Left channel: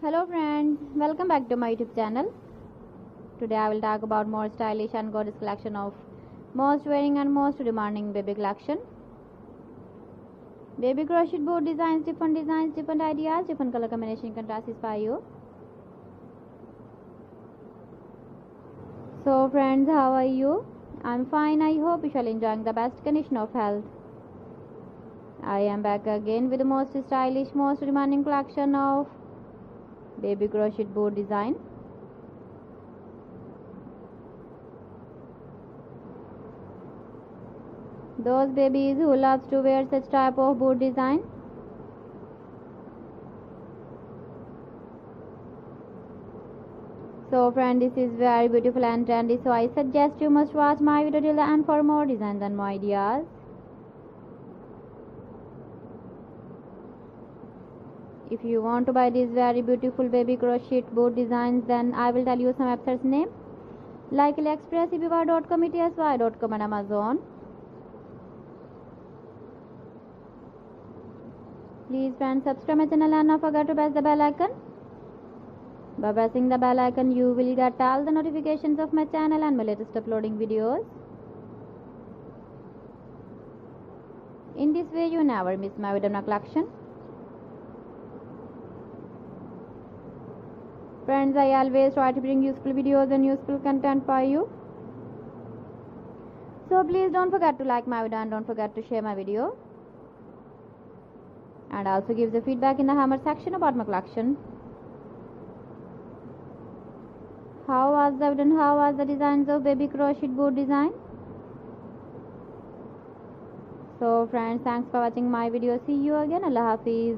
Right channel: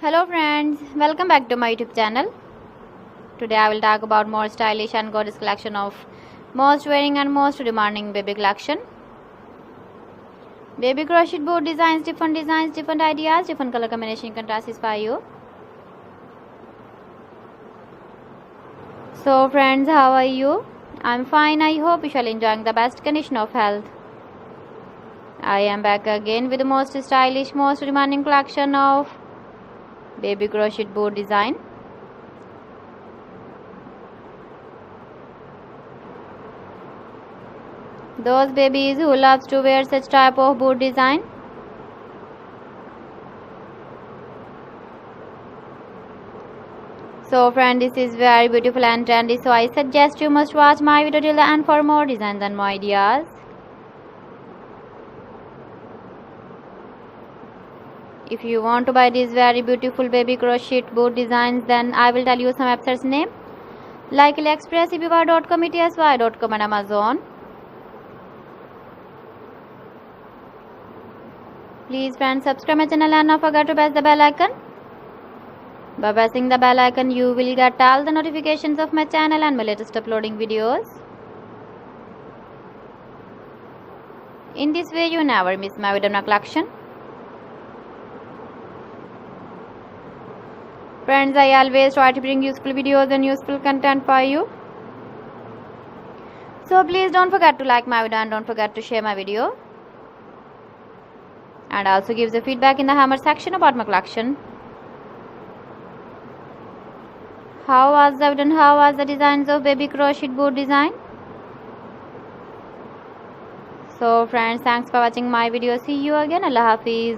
Hello friends, welcome back to my YouTube channel. Today I will talk about more stylish and gorgeous collection of most wearing and most demanding baby collection. Baby crochet board designs, different ideas, different color combination can satisfy you. So friends, how are you? I'm fine. I hope you shall enjoying the best condition of health. I am back again with the most stylish, most demanding collection of baby crochet board design. Those babies who loves to wear such type of board design. So friend, this is very beautiful and trendy, so I suggest you must watch my video till the end for more designs and more ideas. If you want to buy these very beautiful baby crochet board designs, then I will tell you some websites name like AliExpress, eBay.com, ETSY.com and Amazon. Please friends, subscribe my channel and not forget to press the bell icon. By pressing the bell icon, you will get all the notifications of my channel and my latest uploading videos. In this way, you never miss my video collection. Friends, I always try to bring useful videos and useful content for you. So please don't forget to like my video and don't forget to share my video. And also give the feedback in the hammer section about my collection. How was the video and how was the designs of baby crochet board design? So friends, thanks for watching my video. See you again. Allah Hafiz.